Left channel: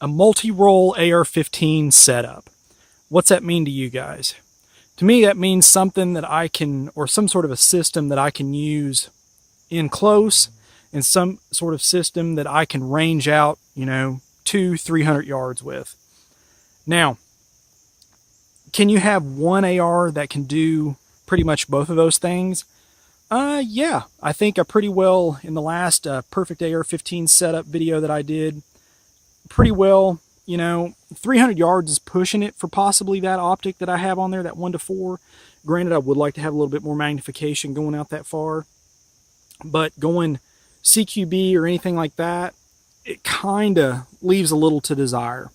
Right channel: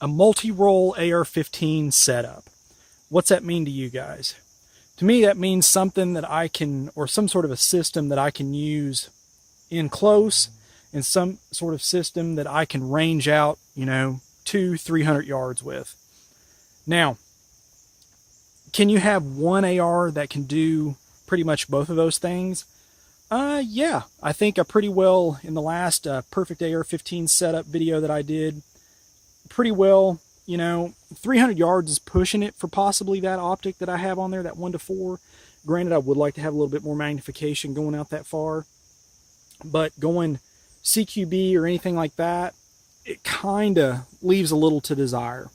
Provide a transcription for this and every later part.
A multi-roll AR15 setup. What's that mean to you guys? To me, that means something that I can, or some sort of a system that I can use in close, and some sort of system that I can range out, 200-300 yards with. Now, can you have one AR that can do pretty much both of those things? Yeah, I think I pretty well, in the last perfect AR15 setup video that I did, pretty well, 300 yards is pushing it for possibly that optic that I have on there, that 1:4. Granted, I would like to have a little bit more magnification going out that far, but going CQB or anything like that, it kind of leaves a little to desire.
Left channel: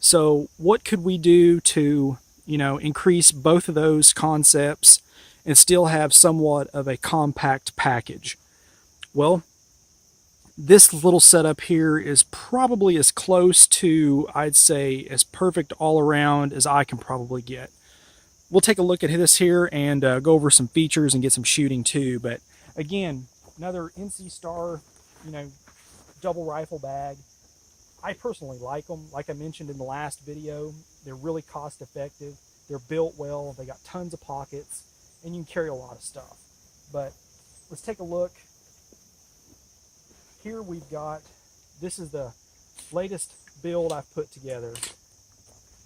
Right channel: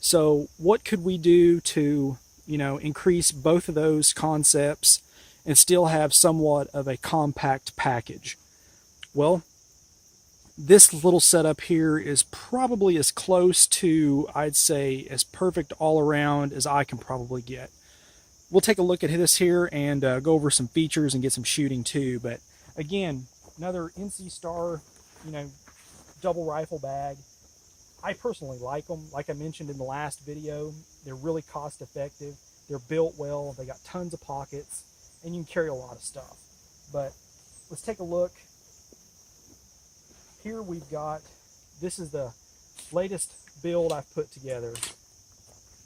So what could we do to, increase both of those concepts and still have somewhat of a compact package? Well, this little setup here is probably as close to, I'd say, as perfect all around as I can probably get. We'll take a look at this here and go over some features and get some shooting too. But again, another NC Star, double rifle bag. I personally like them. Like I mentioned in the last video, they're really cost effective. They're built well. They got tons of pockets, and you can carry a lot of stuff. But let's take a look. Here we've got, this is the latest build I've put together.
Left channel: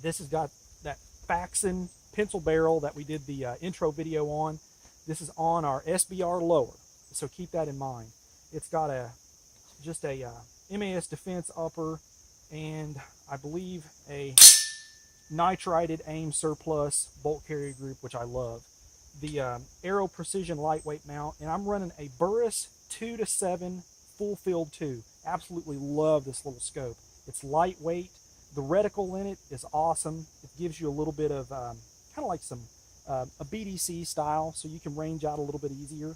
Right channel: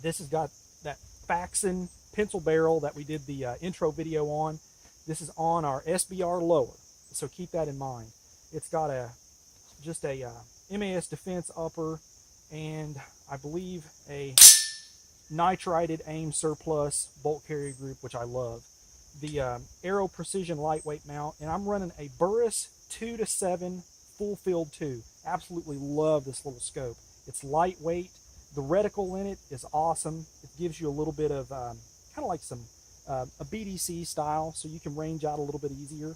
This has got that Faxon pencil barrel that we did the intro video on. This is on our SBR lower, so keep that in mind. It's got just a MAS Defense upper, and I believe a nitrided AIM surplus bolt carrier group, which I love. The Aero Precision lightweight mount, and I'm running a Burris 2-7 full field 2. Absolutely love this little scope. It's lightweight. The reticle in it is awesome. It gives you a little bit of kind of like some a BDC style, so you can range out a little bit easier.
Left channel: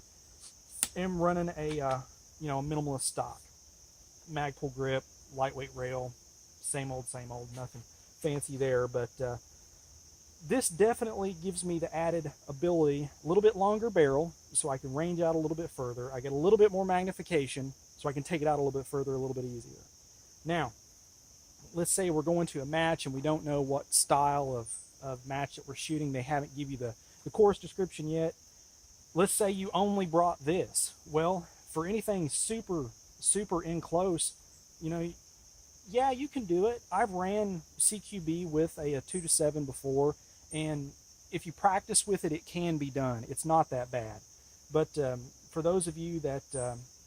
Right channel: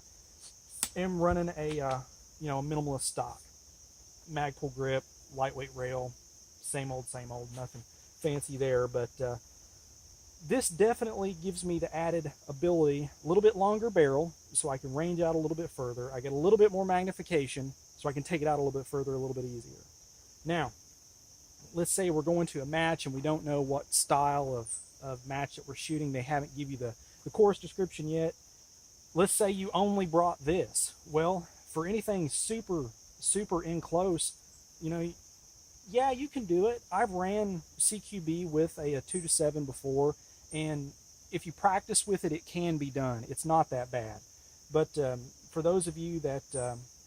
I'm running a minimalist stock, Magpul grip, lightweight rail, same old, nothing fancy there. But this definitely gives me the added ability, a little bit longer barrel, so I can range out a little bit further. I get a little bit more magnification, so I can take it out a little bit further, a little bit easier. Now, let's say we're going to a match and we don't know what style of match that we're shooting. They haven't given you the course description yet. Let's say you only brought this. Well, for anything super in close, yeah, you can do it. I've ran CQB with a 2-7 before, and if you practice with it, it can be done. It's not that bad. But for those of you that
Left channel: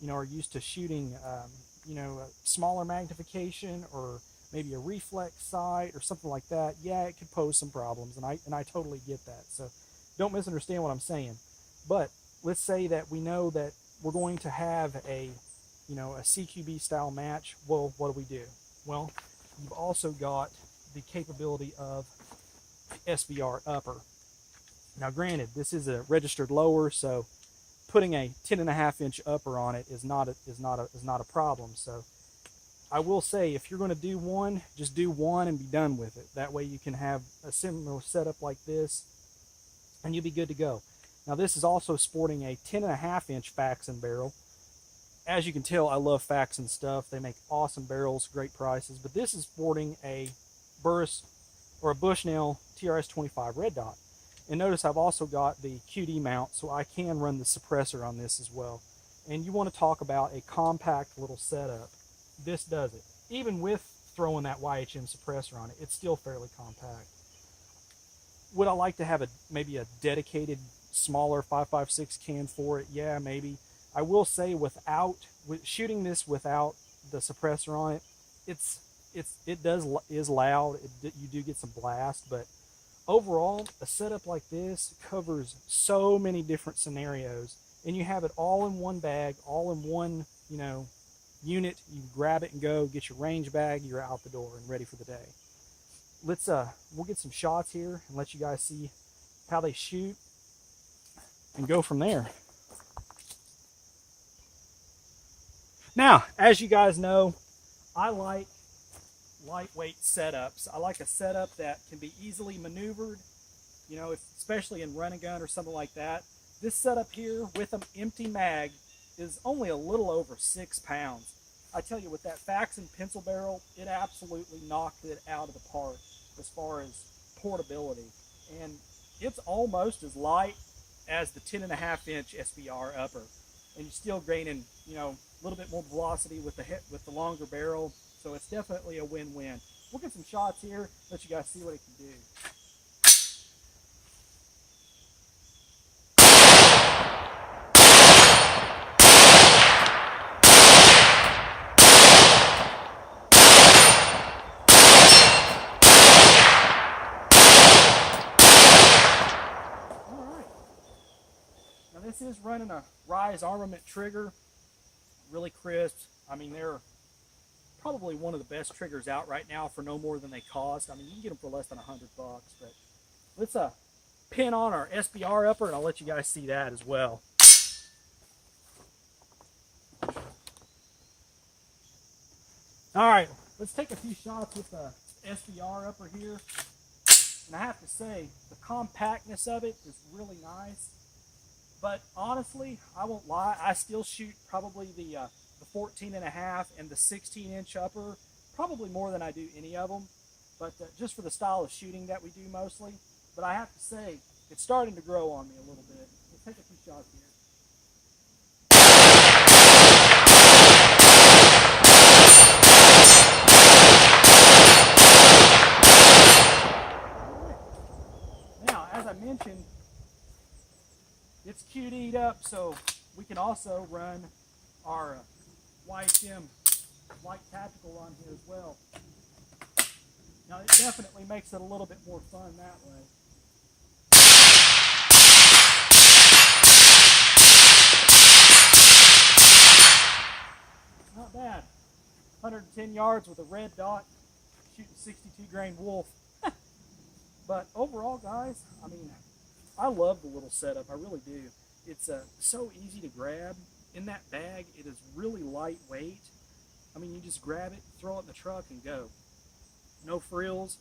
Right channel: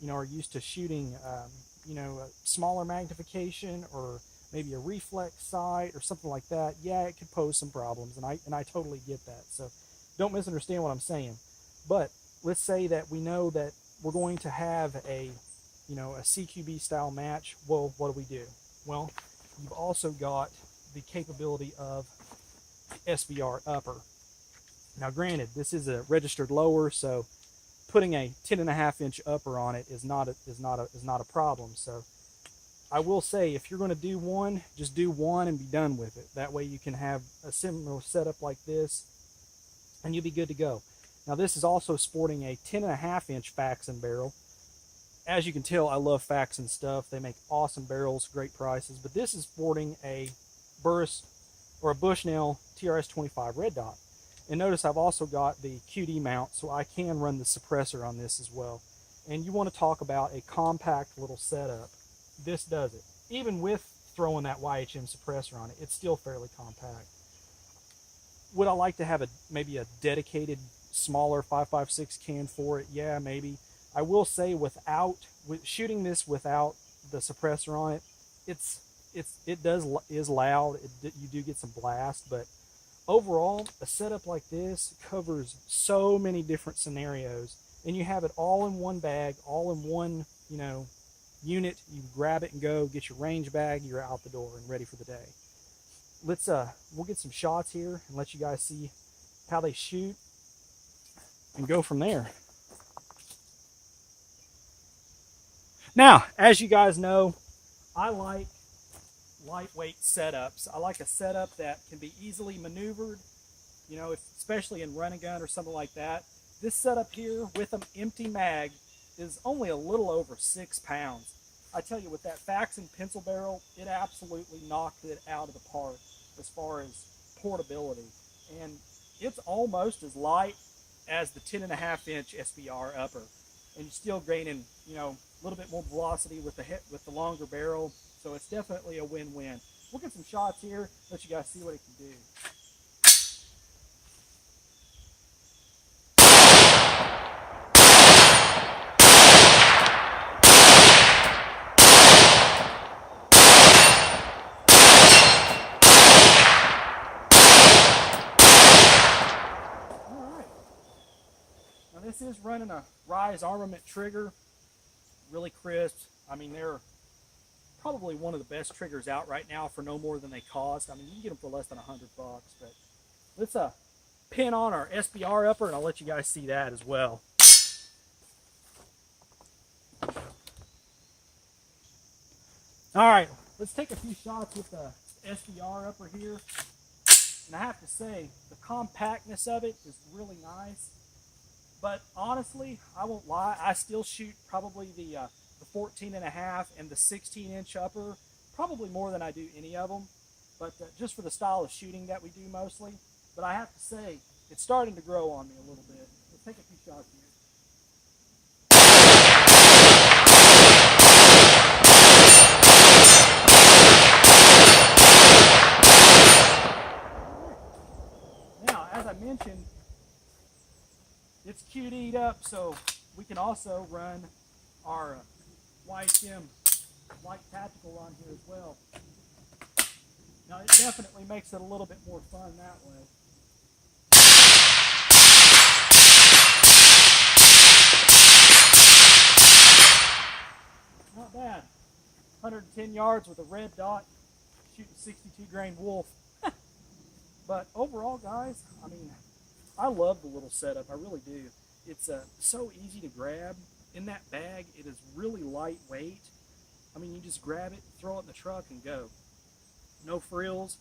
are used to shooting, a smaller magnification or maybe a reflex sight or something like that, yeah, it could pose some problems, and I totally get that. So don't misunderstand what I'm saying. But let's say that we know that we're going to have a CQB style match. Well, what do? Well, you've also got the capability of SBR upper. Now, granted, this is a registered lower, so putting a 10.5-inch upper on it is not a problem. So I will say, if you're going to do one, just do one and be done with it. That way you can have a similar setup like this, and you'll be good to go. Now, this is also sporting a 10.5-inch Faxon barrel. As you can tell, I love Faxon stuff. They make awesome barrels, great prices. But this is sporting a Burris or a Bushnell TRS-25 red dot. And notice I've also got the QD mount, so I can run the suppressor on this as well. And you want to talk about a compact little setup. This does it. Even with throwing that YHM suppressor on it, it's still fairly compact. Would I like to have maybe a dedicated smaller 5.56 can for it? Yeah, maybe. I will say, shooting this without the suppressor on it, is loud. You do get some blast, but overall, a setup like this covers so many different scenarios, and you have it all in one bag, all in one unit. You grab it and go, get your range bag, you're out the door and ready for the day. We'll get some shots here and let you guys see how they shoot and go from there. Now, as you guys know, I like lightweight setups. I like a setup that can be easily maneuvered, especially in run and gun or something like that. This setup here with an empty mag is only a little over 6 pounds. I tell you, with that Faxon pencil barrel, it absolutely knocked it out of the park as far as portability. And it's almost as light as the 10.5-inch SBR upper. And you're still gaining, a little bit more velocity with the longer barrel. So it's definitely a win-win. We'll get some shots here, let you guys see what it can do. Now this is running a Rise Armament trigger, really crisp. I mean, they're probably one of the best triggers out right now for no more than they cost. I mean, you can get them for less than $100, but let's pin on our SBR upper and I'll let you guys see that as well. All right, let's take a few shots with the SBR upper here. And I have to say, the compactness of it is really nice. But honestly, I won't lie, I still shoot probably the 14.5 and the 16-inch upper, probably more than I do any of them. But just for the style of shooting that we do mostly. But I have to say, it's starting to grow on me a little bit. Let's take a few shots here. Now, as I mentioned, it's QD'd up, so we can also run our YSM Light Tactical on here as well. Now, it definitely makes it a little bit more fun that way. Not bad. 110 yards with a red dot, shooting 62 grain wolf. But overall, guys, I mean, I love the little setup. I really do. It's so easy to grab. In that bag, it is really lightweight. I mean, you just grab it, throw it in the truck, and go. No frills.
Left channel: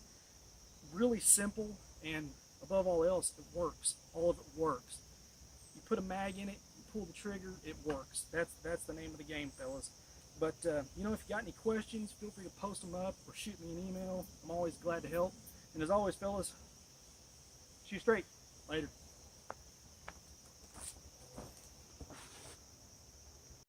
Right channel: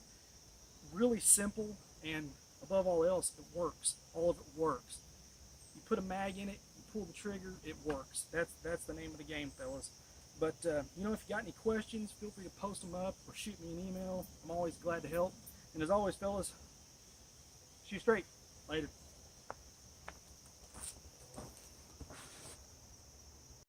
Really simple, and above all else, it works. All of it works. You put a mag in it, you pull the trigger, it works. That's the name of the game, fellas. But, if you got any questions, feel free to post them up or shoot me an email. I'm always glad to help. And as always, fellas, shoot straight. Later.